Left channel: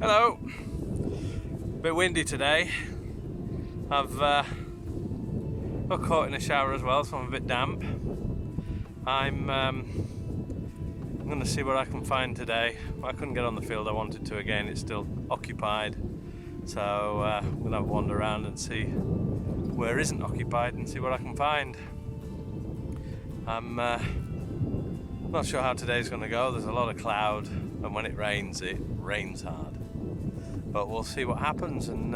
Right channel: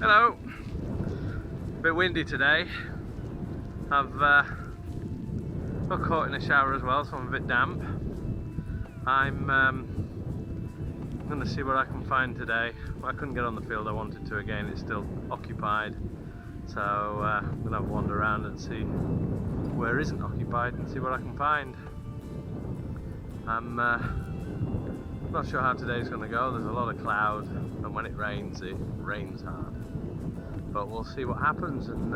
Hello. A bit windy today. I've got caught in a shower as well, so I'm a bit damp. I'm going to see what I can find today. I couldn't get on the field I wanted to again, it's still occupied. So I'm going to wander around and see where isn't occupied and see what I can find. I'm not sure how today's going to go. There's a lot of cloud, and when it rains hard. But we'll see what happens and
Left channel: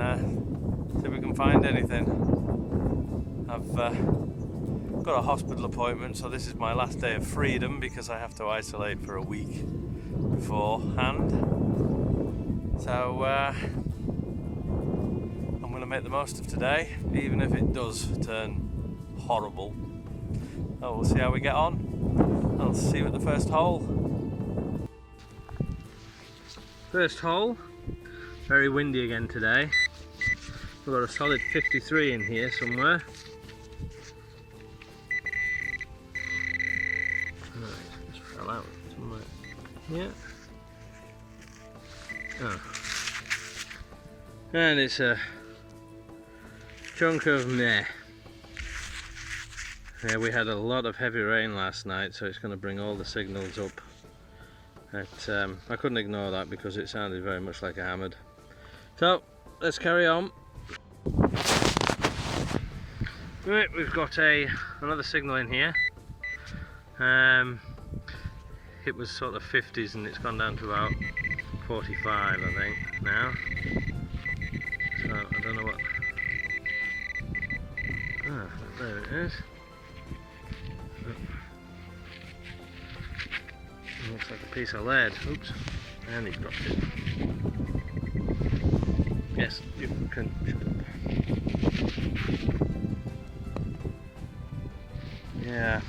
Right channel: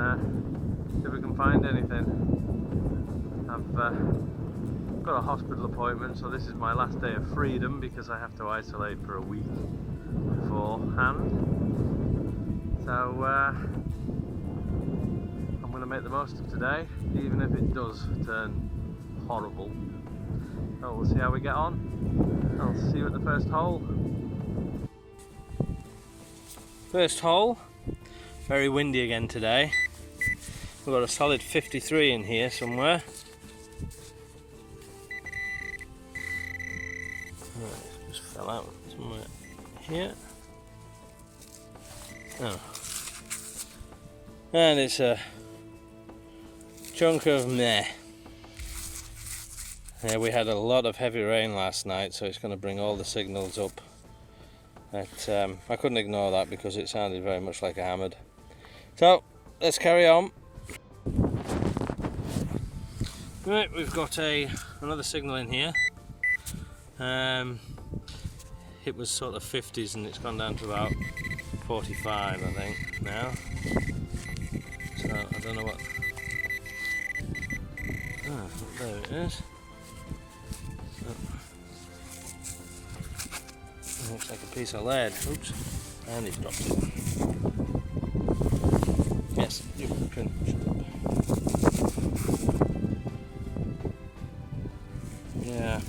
see if we can find anything. I've got a hospital appointment, so this is my last day of freedom because I have to isolate for a week beforehand. So I'm going to make the most of today, even if it does turn horrible. So we'll see how we get on. I'll see you at the first hole. First hole. Very windy again today. We've got a solid 53 in here somewhere. Right, just fell out somewhere here. Oh. And it's a chunk of meh. Yeah, we had a lot of heavy rain last night, so it's going to bring all the signals up. I couldn't ignore that because it sounded very much like a hammered. So let's carry on. Right, we've got another signal in here. It was sort of 50s and it's gone down to about 45, I think, now. So I don't know what. Ah, there it is. Looks like a piece of lead. Oops, and he's dropped it. Yes, you can shut up. Yeah.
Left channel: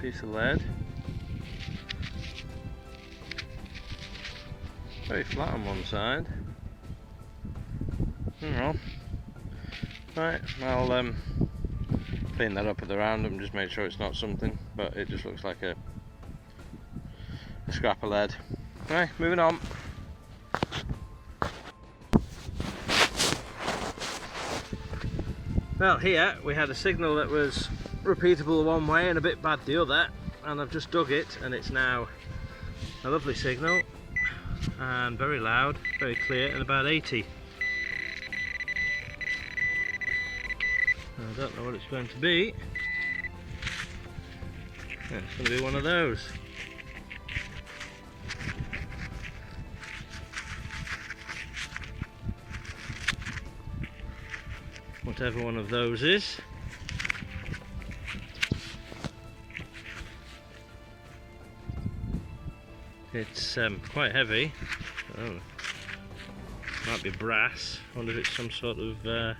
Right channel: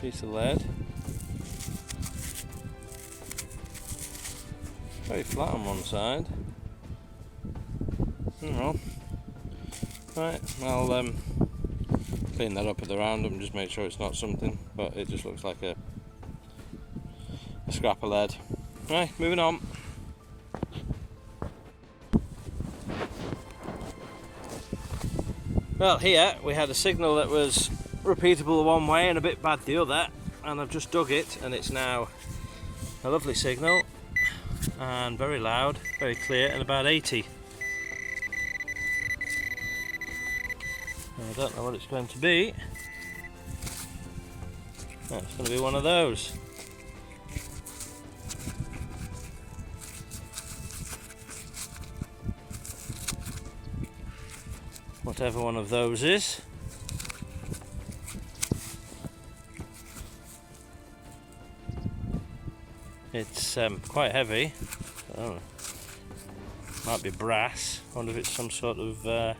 Piece of lead. Very flat on one side. Oh. Right, I'll clean that up at the roundup and just make sure it's not something, but it just looks like a scrap of lead. Right, moving on. Well, here we had a signal that was repeatable one way and a bit bad the other, and I've just dug it and it's now a lovely signal and very loud, very clear, and about 80. I don't know what it's going to be. Yeah, it's going to be one of those. Whatever one of those is. It's quite heavy. Oh, might be brass. I wonder if it's some sort of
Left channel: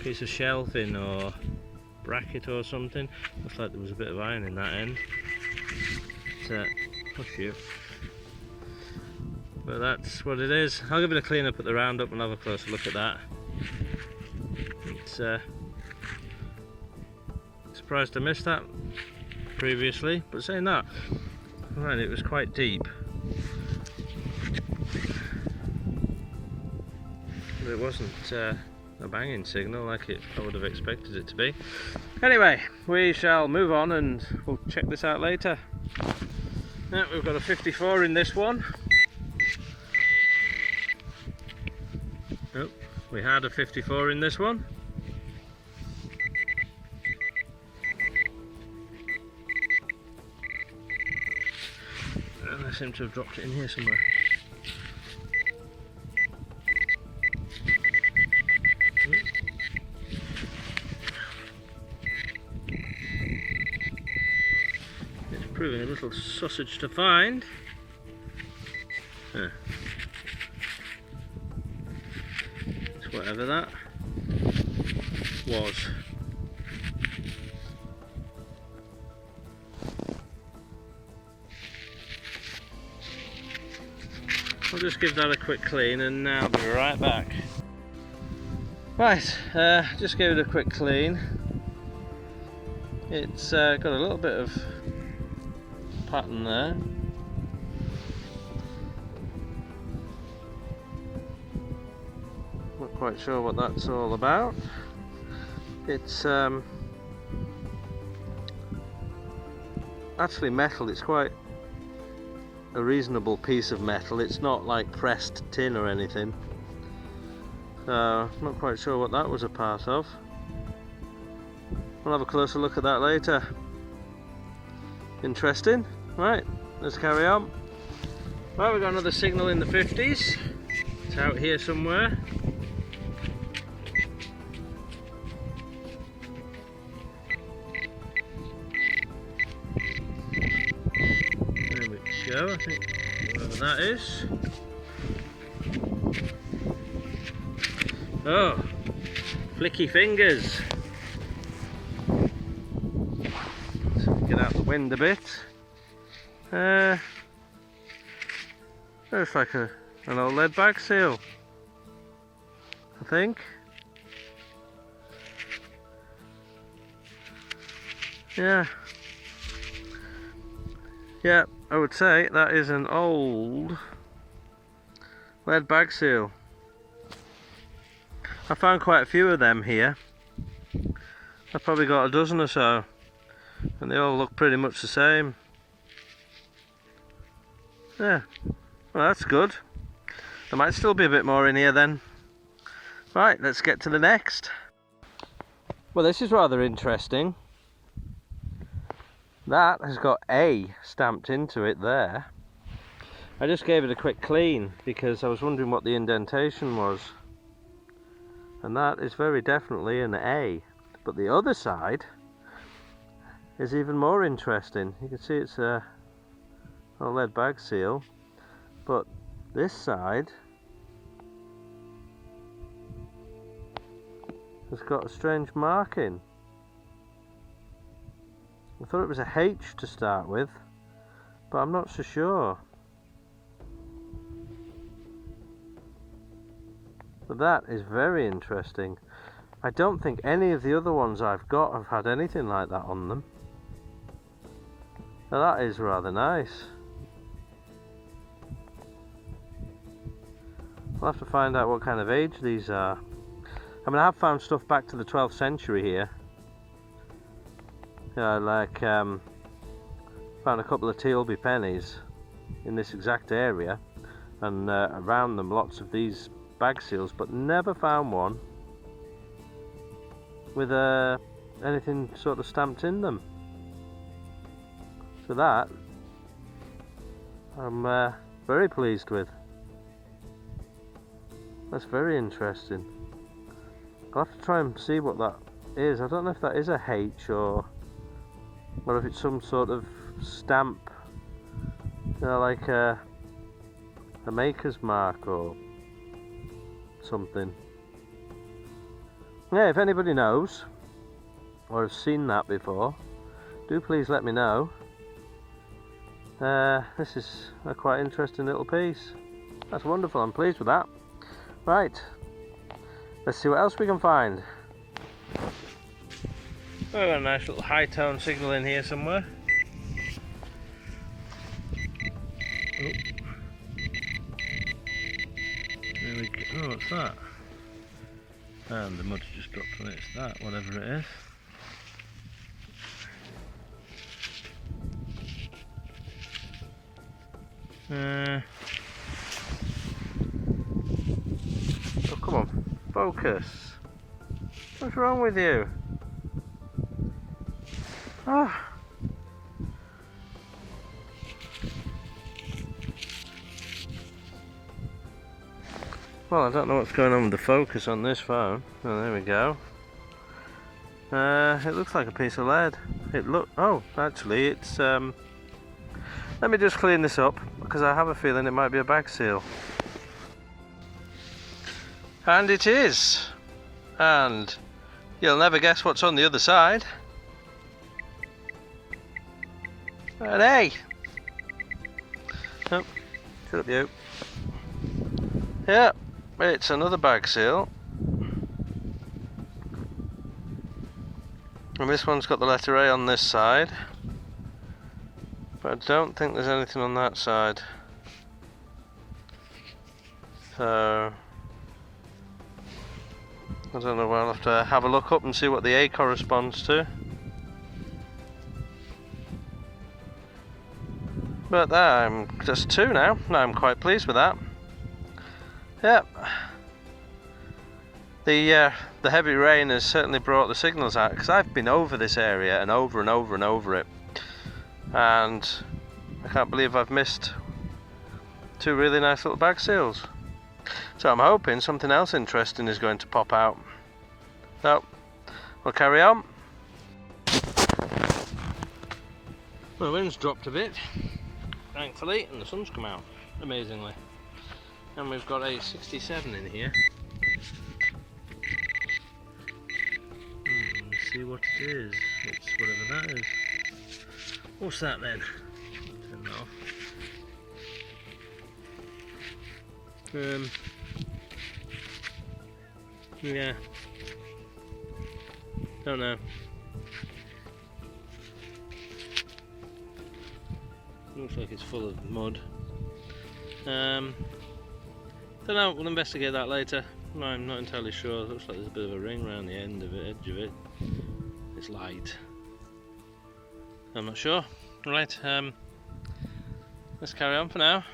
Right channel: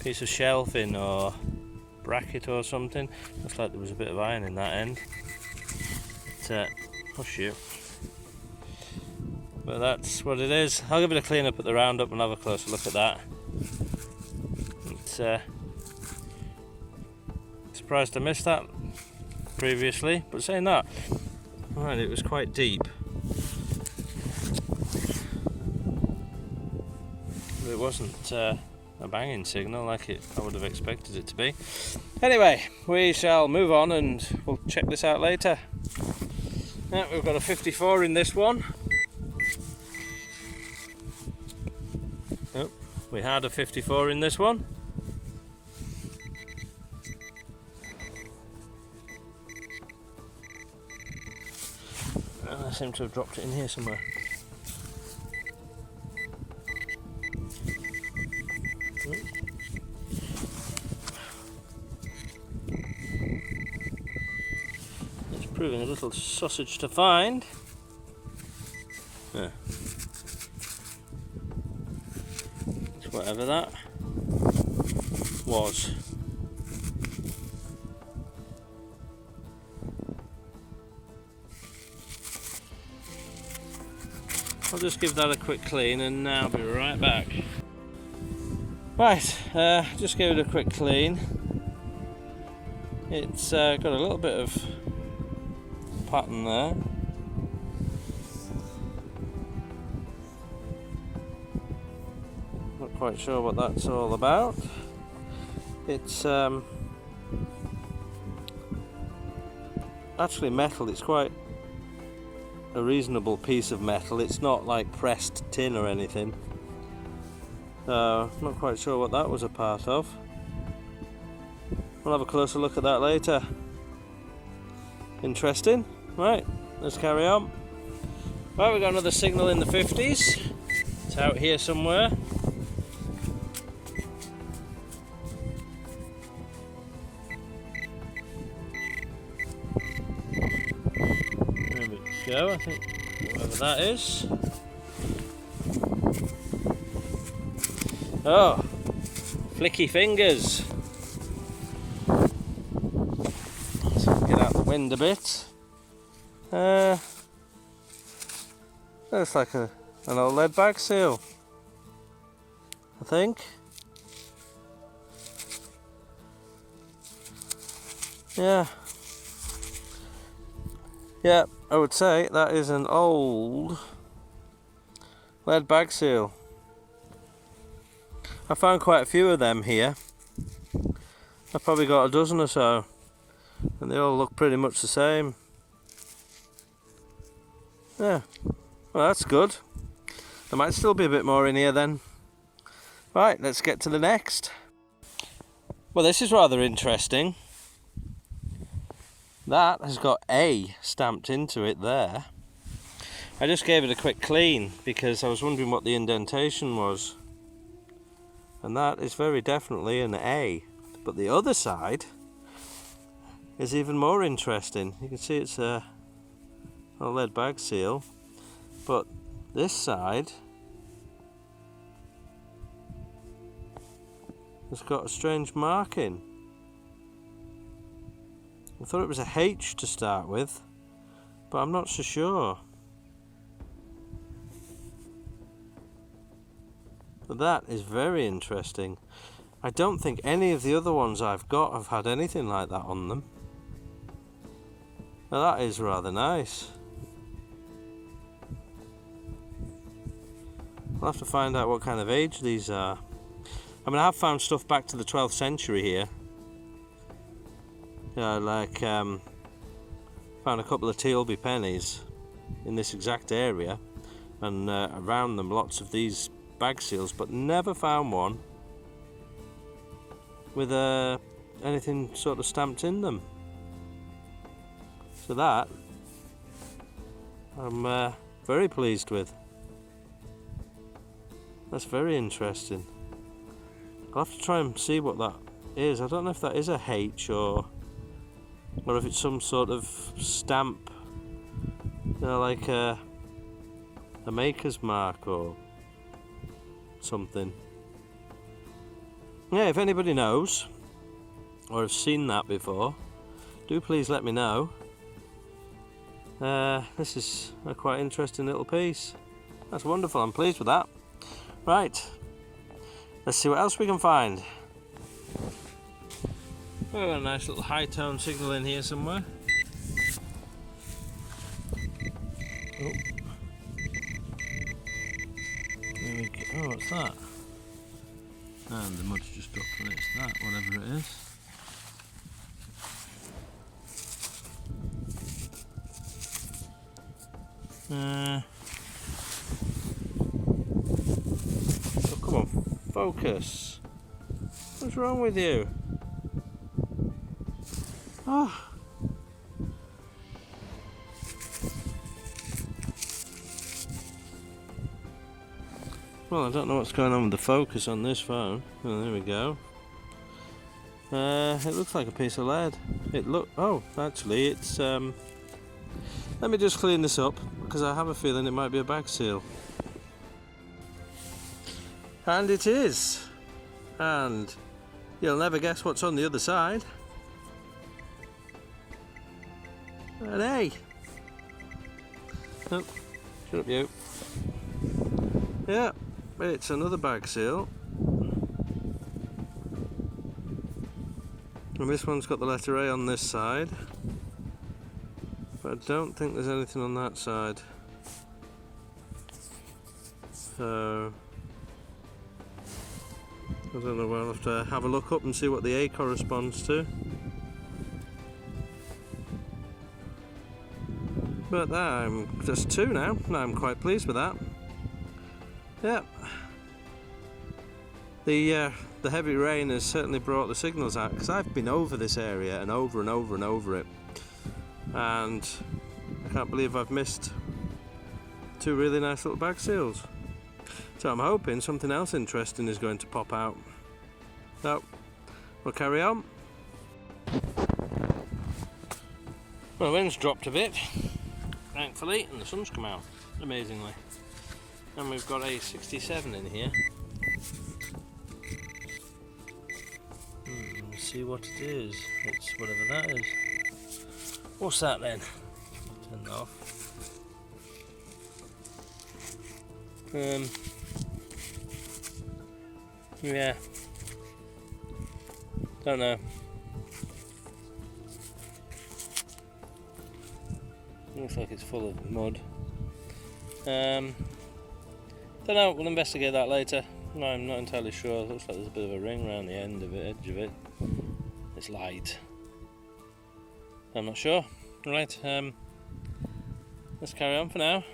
piece of shelving or bracket or something. Looks like there was a bit of iron in that end. Push you. But that's what it is. I'll give it a clean up at the roundup and have a closer look at that. It's surprised I missed that previously, but saying that, right, it was quite deep. But it wasn't a banging signal like I would have expected it to be. Anyway, we shall move on and we'll check this out later. Now, we've got a 54 in this one. Oh, we had a 54 in this one. And I seem to have dropped it in here somewhere. It's proving a little sausage to find. Yeah. It's whatever that was. I'll just give that a quick clean and I'll be right back. Right, just gave it a quick clean. It's got a little bit of pattern there. Not quite sure what that's all about. It's actually metal. It's quite a reasonable piece of metal. It's not like pressed tin or anything. So, not quite sure what that was a part of. We'll have a closer look at that later. Interesting. Right, let's carry on. Right, we've got another signal in the 50s. It's out here somewhere. There we go, I think whatever that is. Oh, flicky fingers. Let's get out the wind a bit. Looks like an old lead bag seal, I think. Yeah, I would say that is an old lead bag seal. I found quite a few of them here. I've probably got a dozen or so, and they all look pretty much the same. Yeah, well, that's good. There might still be a bit more in here then. Right, let's get to the next. Well, this is rather interesting. That has got A stamped into it there. I just gave it a quick clean because I was wondering what the indentation was. And that is very definitely an A. But the other side is even more interesting. You can see it's a lead bag seal. But this side has got a strange marking. I thought it was a H to start with, but I'm not so sure. But that is very interesting. I don't think any of the other ones I've got have had anything like that on them. Now that is rather nice. I'll have to find out what kind of age these are. I mean, I have found stuff back to the 12th century here. Like found a couple of Tealby pennies in this exact area, and around them lots of these bag seals, but never found one with anything sort of stamped in them. So that I'm very pleased with. That's very interesting. I'll have to try and see what that is. I don't know if that is a H or if it's some sort of stamp, you know, like a maker's mark or something. Yeah, if anybody knows or has seen that before, do please let me know. This is a quite interesting little piece. That's wonderful, I'm pleased with that. Right, let's see what else we can find. Oh, got a nice little high tone signal in here somewhere. Oh. There we go. Oh, what's that? And the mud's just dropped on it. It's that, whatever it is. Oh, come on, focus. What's wrong with you? Ah. Well, I don't know what's going on with the focus on this phone. Oh, there we go. It looks like a piece of lead. Oh, actually, it's let me just clean this up because I have a feeling it might be a bag seal. And it is. And you'll never guess what's on the other side. An A. Oh, shut up you. Yeah, it's another bag seal. And this one's got the letter A on this side. But I don't think there's anything on that side. So I don't know, I'll have to have a look up and see what the A corresponds to. But there, I'm just 2 now. I'm quite pleased with that. Yep. The heavy rain has certainly brought the signals out, because I've been over this area and over and over and over it, and I can't believe I've missed 2 really nice little bag seals. So I'm hoping something else interesting is going to pop out. So we'll carry on. Well, the wind's dropped a bit, thankfully, and the sun's come out, amazingly. And we've got a 67 in here. Let's see what it is. It's whatever that is. What's that then? Turn it off. Yeah. Don't know. Looks like it's full of mud. Don't know, we'll investigate that later. No, I'm not entirely sure. It looks like there's a bit of a ring around the end of it, edge of it. It's light. I'm not sure. Right, let's carry on for now.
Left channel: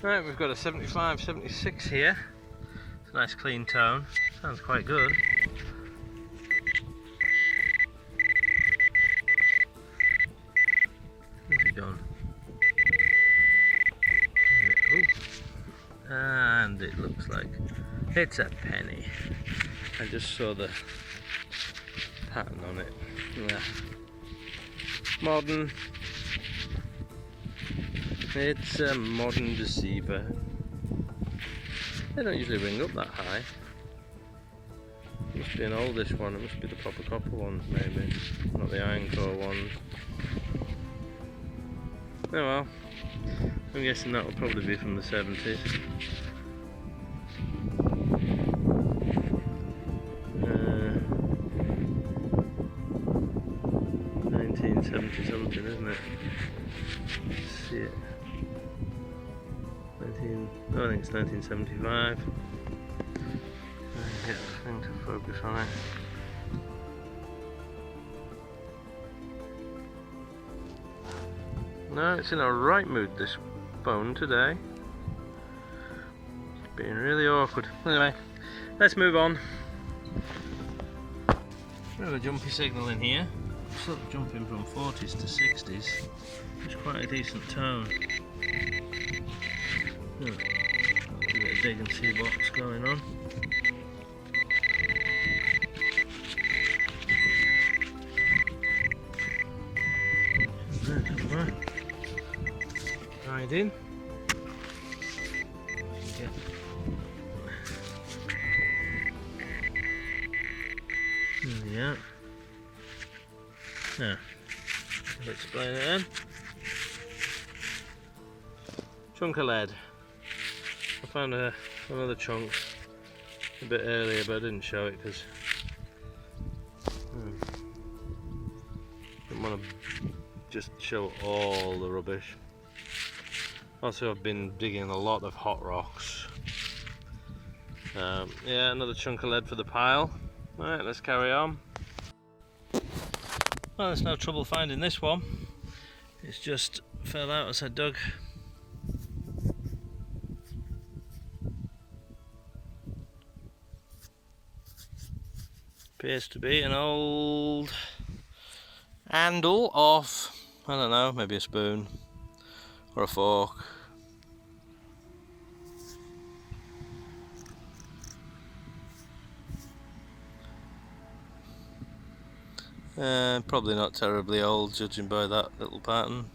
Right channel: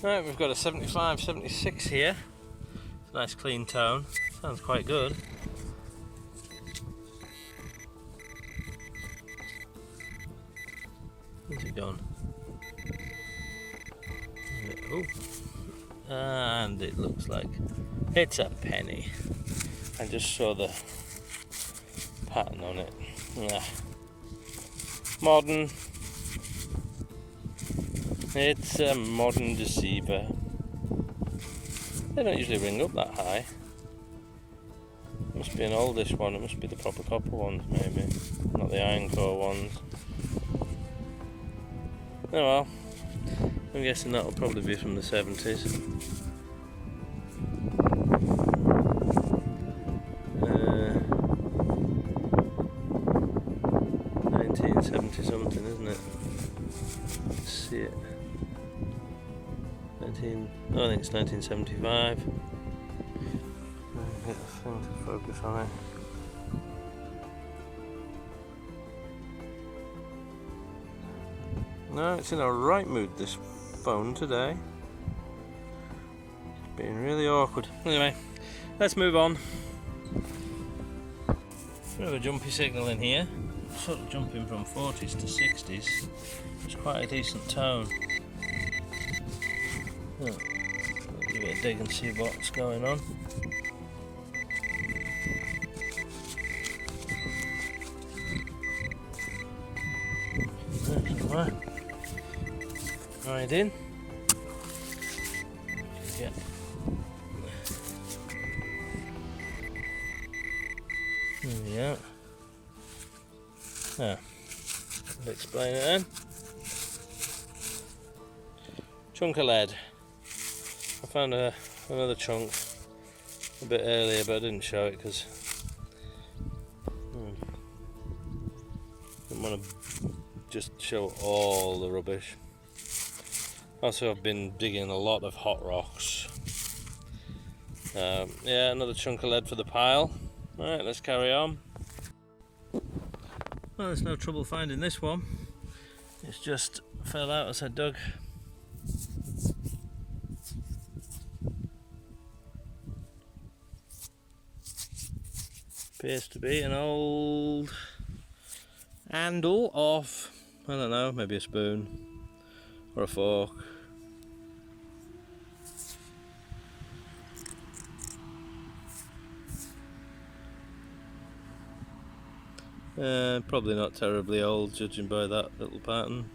Right, we've got a 75, 76 here. It's a nice clean tone. Sounds quite good. What's it done? Oh. And it looks like it's a penny. I just saw the pattern on it. Yeah. Modern. It's a modern deceiver. They don't usually ring up that high. It must be an oldish one. It must be the proper copper ones, maybe, not the iron core ones. Oh well. I'm guessing that will probably be from the 70s. 1970 something, isn't it? Let's see it. I think it's 1975. Get the thing to focus on it. No, it's in a right mood, this phone today. It's being really awkward. Anyway, let's move on. We have a jumpy signal in here. Sort of jumping from 40s to 60s. It's quite a decent tone. Oh, I'll give it a dig and see what's going on. Right. Right in. There we are. Now, I'll explain it then. Chunk of lead. I found another chunk a bit earlier, but I didn't show it because didn't want to just show all the rubbish. Also, I've been digging a lot of hot rocks. Yeah, another chunk of lead for the pile. Alright, let's carry on. Well, there's no trouble finding this one. It's just fell out as I dug. Appears to be an old handle of, I don't know, maybe a spoon or a fork. Probably not terribly old, judging by that little pattern.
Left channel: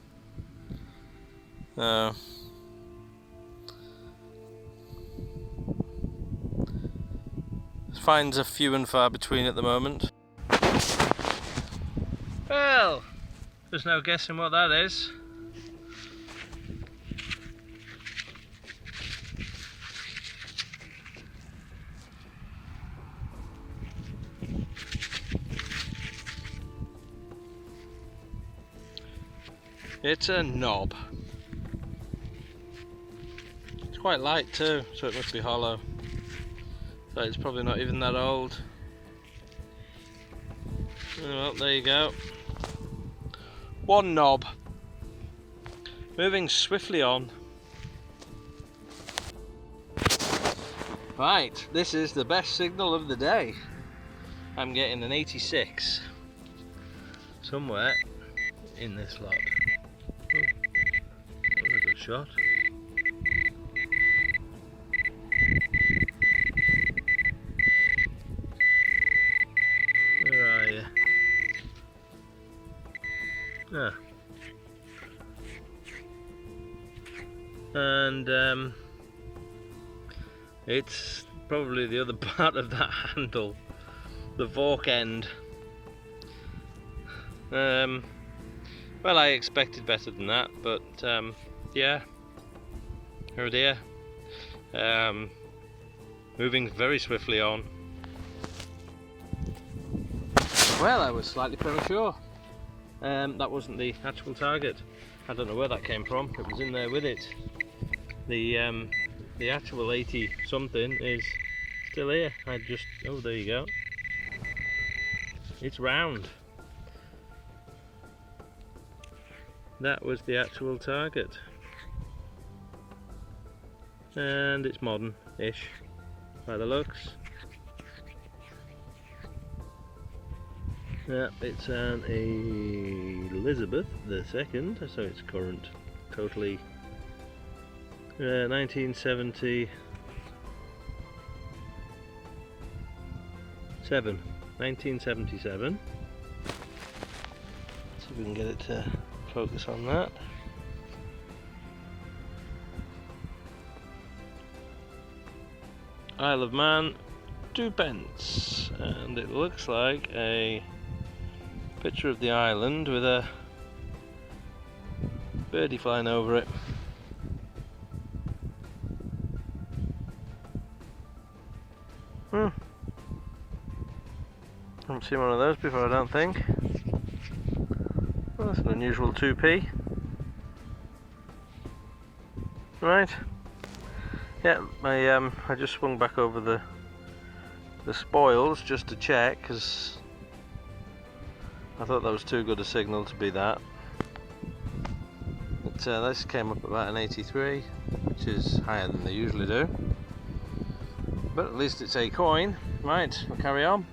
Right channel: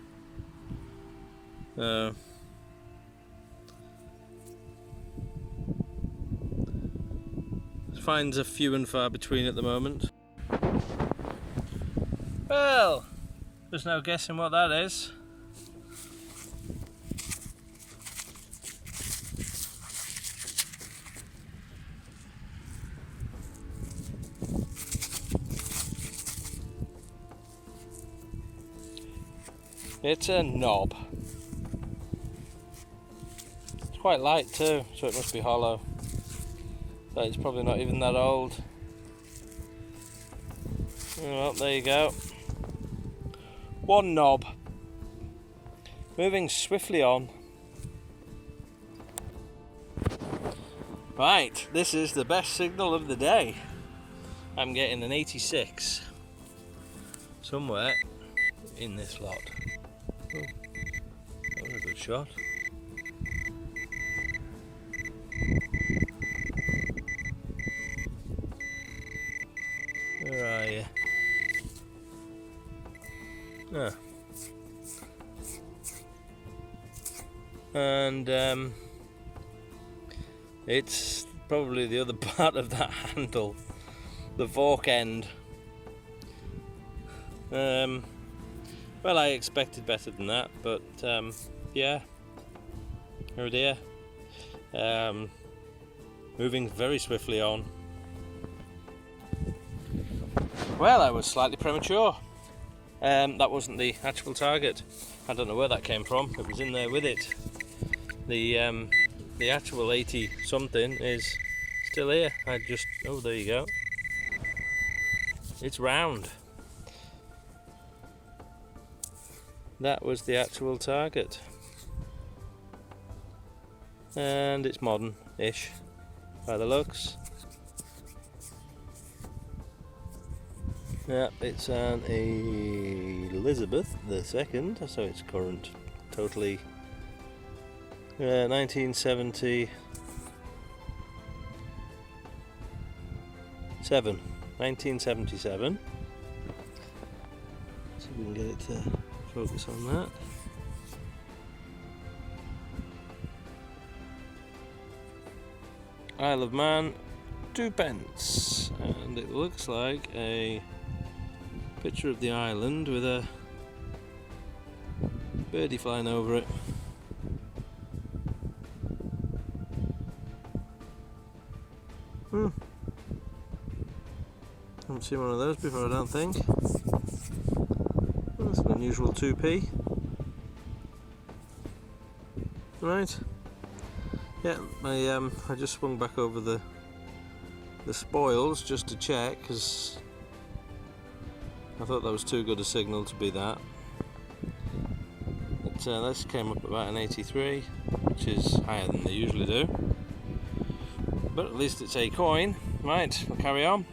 Finds are few and far between at the moment. Well, there's no guessing what that is. It's a knob. It's quite light too, so it must be hollow. So it's probably not even that old. Well, there you go. One knob. Moving swiftly on. Right, this is the best signal of the day. I'm getting an 86 somewhere in this lot. Oh, that was a good shot. Where are you? Ah. And it's probably the other part of that handle, the fork end. Well, I expected better than that, but yeah, oh dear. Moving very swiftly on. Well, I was slightly premature. That wasn't the actual target. I don't know where that came from. It was in there with it. The actual 80 something is still here. Oh, there you go. It's round. That was the actual target. And it's modern-ish by the looks. Yeah, it's an Elizabeth II, so it's current, totally 1977. 1977. See if we can get it to focus on that. Isle of Man, 2p, and it looks like a picture of the island with a birdie flying over it. Haven't seen one of those before, I don't think. Well, that's an unusual 2p. Right. Yeah, I just swung back over the spoils just to check, because I thought that was too good a signal to be that. But this came up about an 83, which is higher than they usually do. But at least it's a coin. Right, we'll carry on.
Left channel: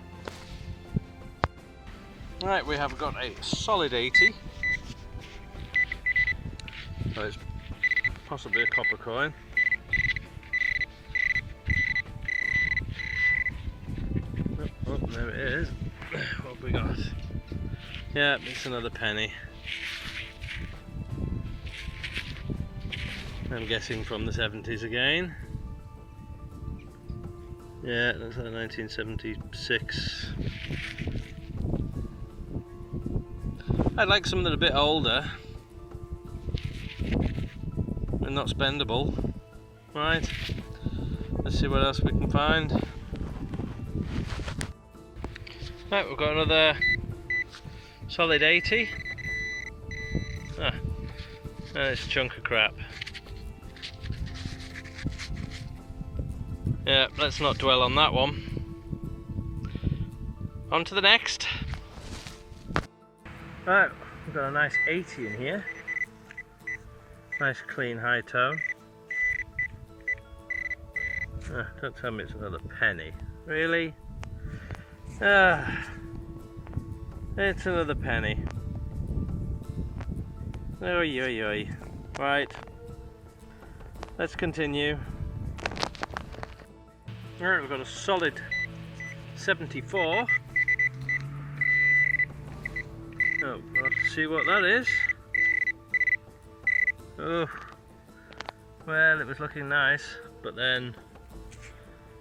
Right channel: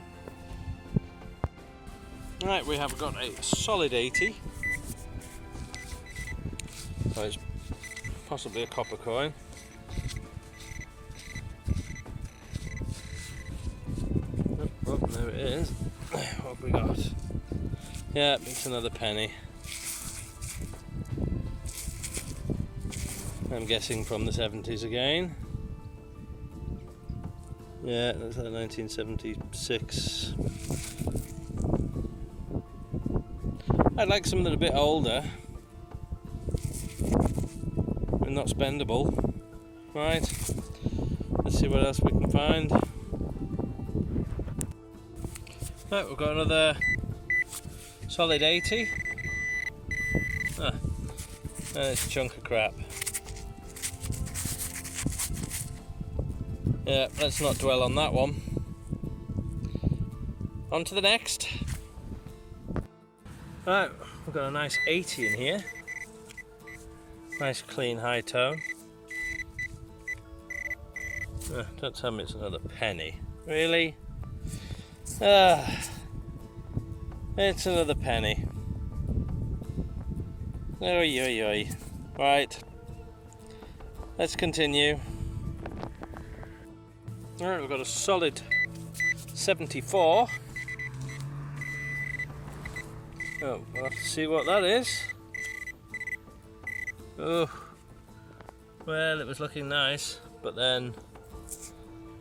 Right, we have got a solid 80. So it's possibly a copper coin. Oh, there it is. What have we got? Yeah, it's another penny. I'm guessing from the 70s again. Yeah, that's like 1976. I'd like some that are a bit older and not spendable. Right, let's see what else we can find. Right, we've got another solid 80. And it's a chunk of crap. Yeah, let's not dwell on that one. On to the next. Right, we've got a nice 80 in here. Nice clean high tone. Don't tell me it's another penny. Really? It's another penny. Oi, oi, oi. Right. Let's continue. Alright, we've got a solid 74. Oh, we'll have to see what that is. Oh, well, it was looking nice, but then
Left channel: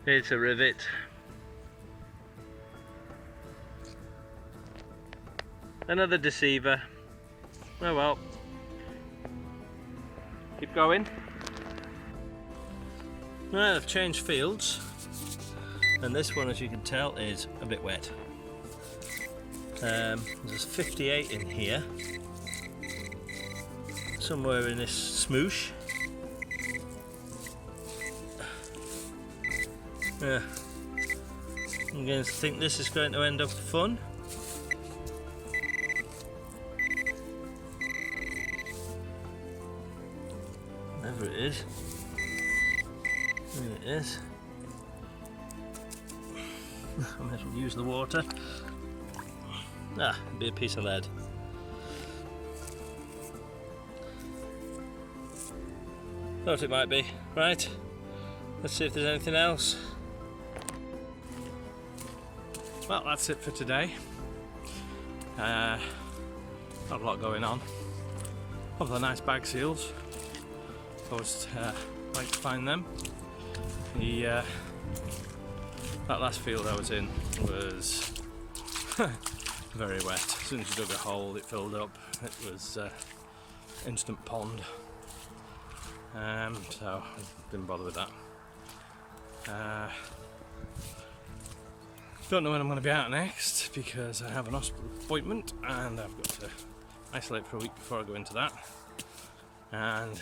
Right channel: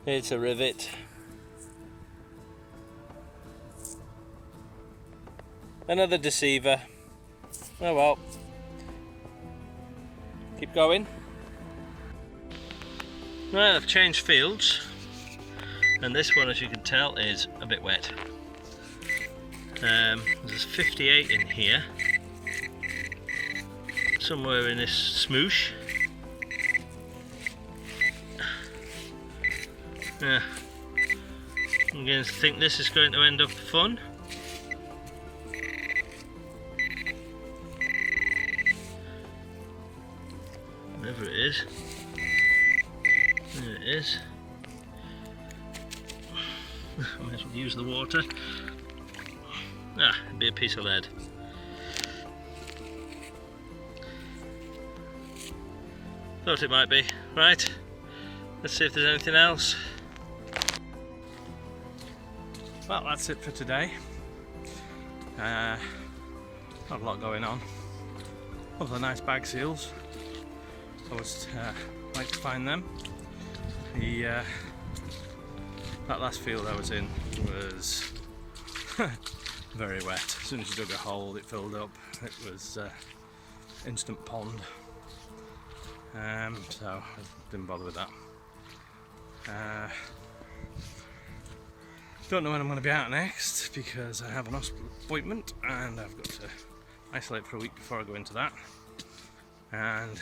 it's a rivet. Another deceiver. Oh well. Keep going. Right, I've changed fields, and this one, as you can tell, is a bit wet. There's 58 in here, somewhere in this smoosh. Yeah. I'm beginning to think this is going to end up fun. Whatever it is. There it is. I might as well use the water. Ah, it'd be a piece of lead. Thought it might be. Right, let's see if there's anything else. Well, that's it for today. Not a lot going on. Couple of nice bag seals. Always like to find them. The that last field I was in was very wet. As soon as you dug a hole, it filled up. It was instant pond. So I didn't bother with that. Don't know when I'm going to be out next because I have an hospital appointment and I've got to isolate for a week before I go into that. And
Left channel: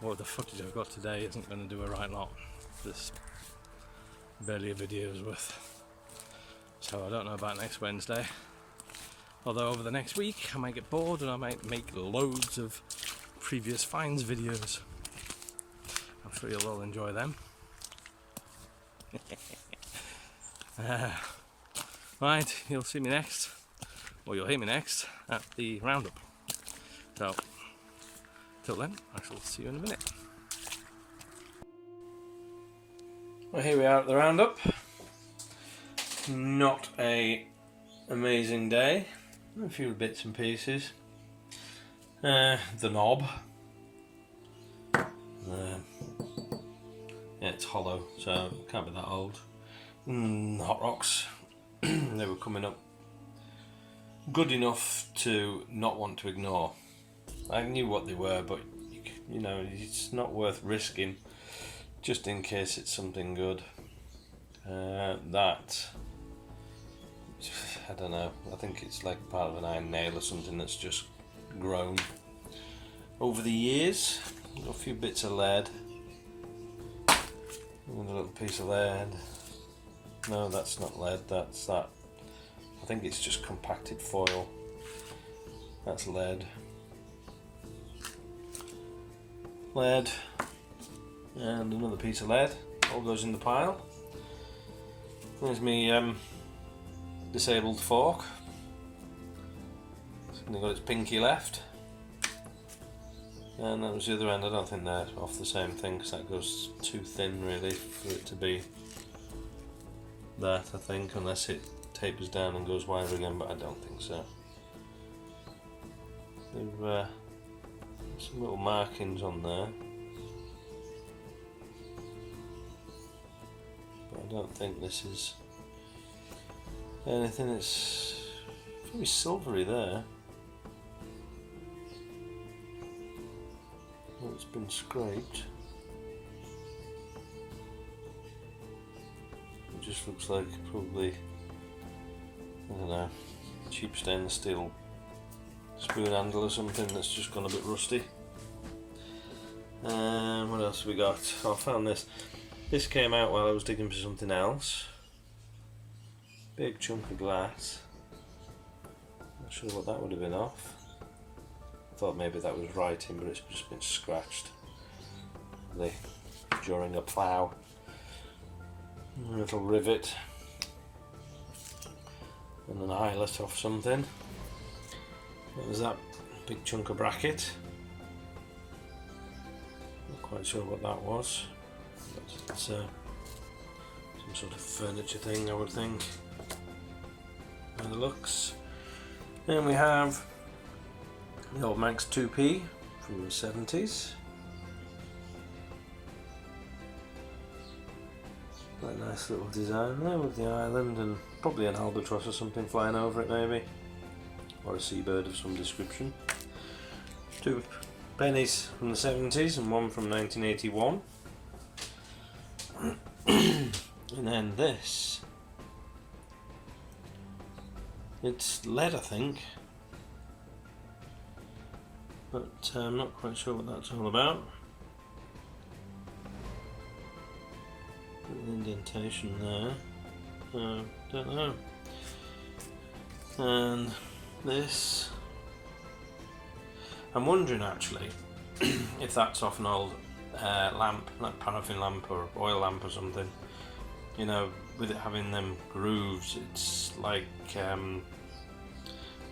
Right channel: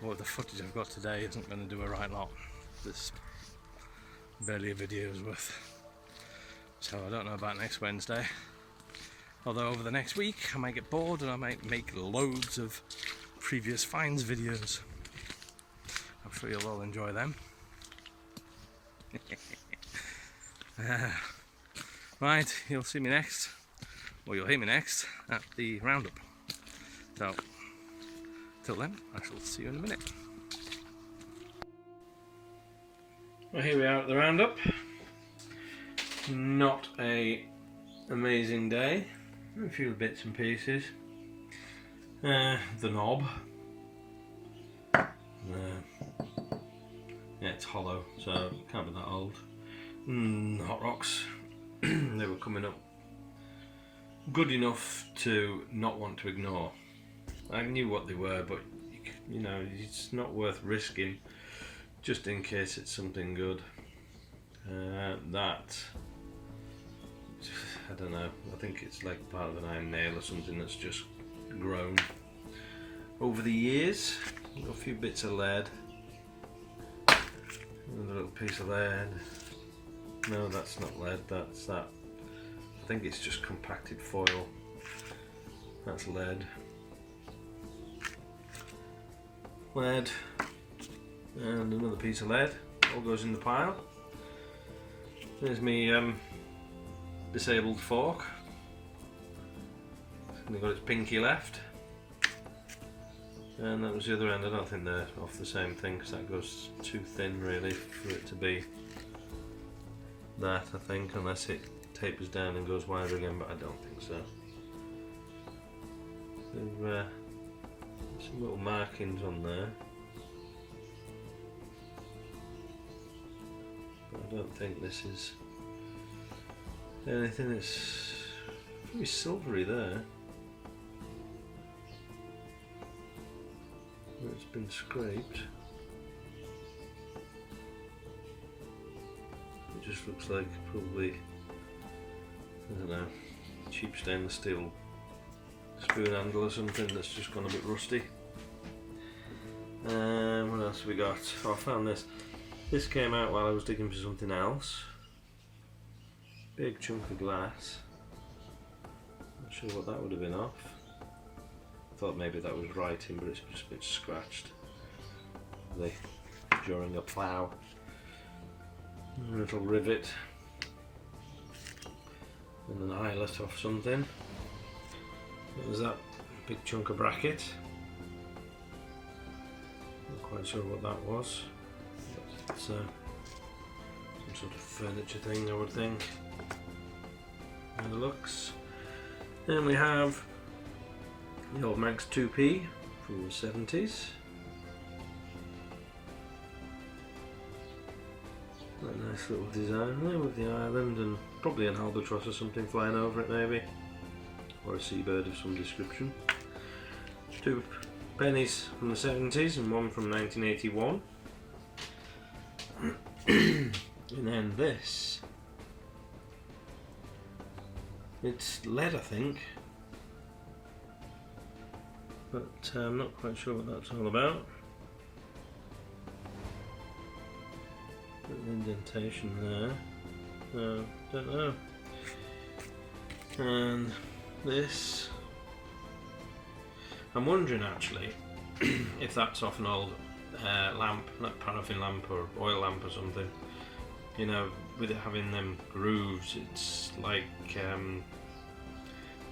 what the footage I've got today isn't going to do a right lot. There's barely a video's worth. So I don't know about next Wednesday. Although over the next week I might get bored and I might make loads of previous finds videos. I'm sure you'll all enjoy them. Right, you'll see me next, or you'll hear me next at the roundup. So, till then, I shall see you in a minute. Well, here we are at the roundup. Not a amazing day. A few bits and pieces. The knob. Yeah, it's hollow, so it can't be that old. Hot rocks. They were coming up good enough to not want to ignore. I knew what they were, but you know, it's not worth risking just in case it's something good. That, I don't know, I think it's like part of an iron nail or something that's just grown over the years. A few bits of lead, another little piece of lead. No, that's not lead, that's that. I think it's just compacted foil. That's lead. Lead. And another piece of lead. All goes in the pile. There's me disabled fork. It's only got its pinky left. And that was the other end. I don't think they're off the same thing because that goes too thin really for it to be that, I think, unless it tapers down and goes wider again, but I don't think so. There's some little markings on there, but I don't think this is anything. It's very silvery there. It's been scraped. It just looks like probably, I don't know, cheap stainless steel spoon handle or something that's just gone a bit rusty. What else have we got? Oh, I found this. This came out while I was digging for something else. Big chunk of glass. Not sure what that would have been off. I thought maybe that was writing, but it's just been scratched during a plough. A little rivet and an eyelet off something. There's that big chunk of bracket. Not quite sure what that was. But it's some sort of furniture thing, I would think. By the looks. Then we have the old Manx 2P from the 70s. Quite a nice little design there with the island and probably an albatross or something flying over it maybe. Or a seabird of some description. 2 pennies from the 70s and 1 from 1981. And then this. It's lead, I think. But I'm not quite sure what that's all about. indentation there. Don't know. And this, I'm wondering actually if that's off an old lamp, not paraffin lamp or oil lamp or something. You know, with it having them grooves, it's like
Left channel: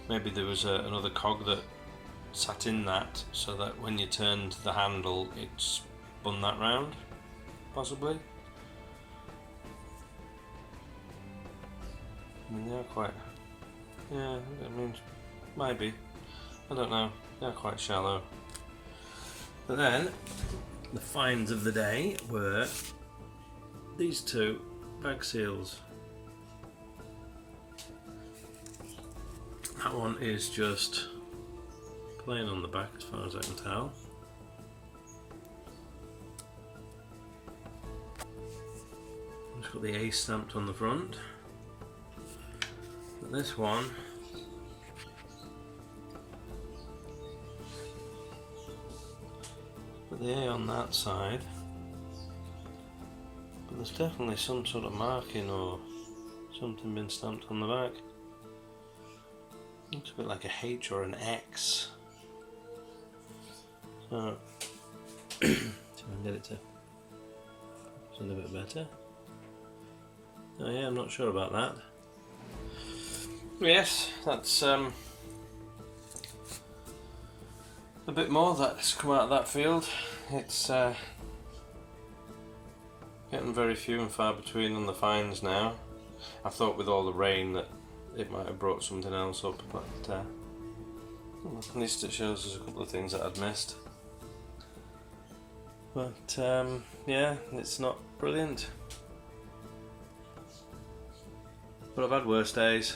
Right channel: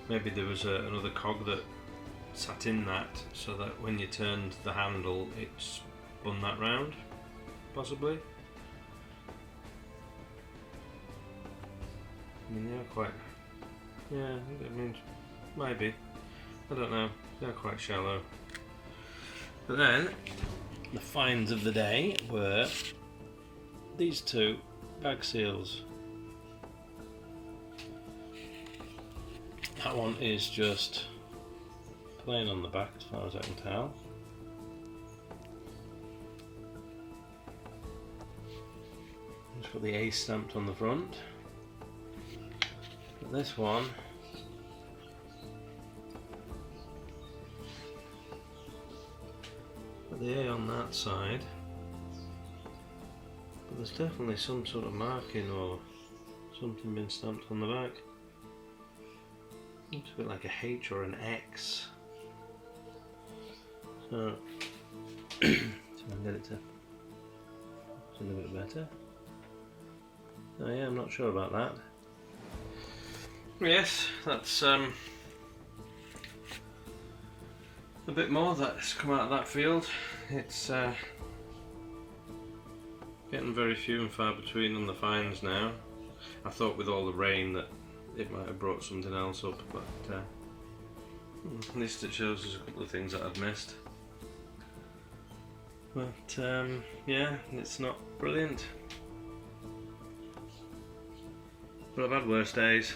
maybe there was another cog that sat in that, so that when you turned the handle it spun that round, possibly. I mean, they are quite, yeah, I mean, maybe, I don't know, they're quite shallow. But then, the finds of the day were these two Bagseals. That one is just plain on the back as far as I can tell. It's got the A stamped on the front. But this one got the A on that side, but there's definitely some sort of marking or something been stamped on the back. Looks a bit like a H or an X. So, see if I can get it to a little bit better. Oh yeah, I'm not sure about that. Yes, that's a bit more that's come out of that field. It's getting very few and far between on the finds now. I thought with all the rain that it might have brought something else up, but at least it shows us a couple of things that I'd missed. But yeah, it's not brilliant. But I've had worse days.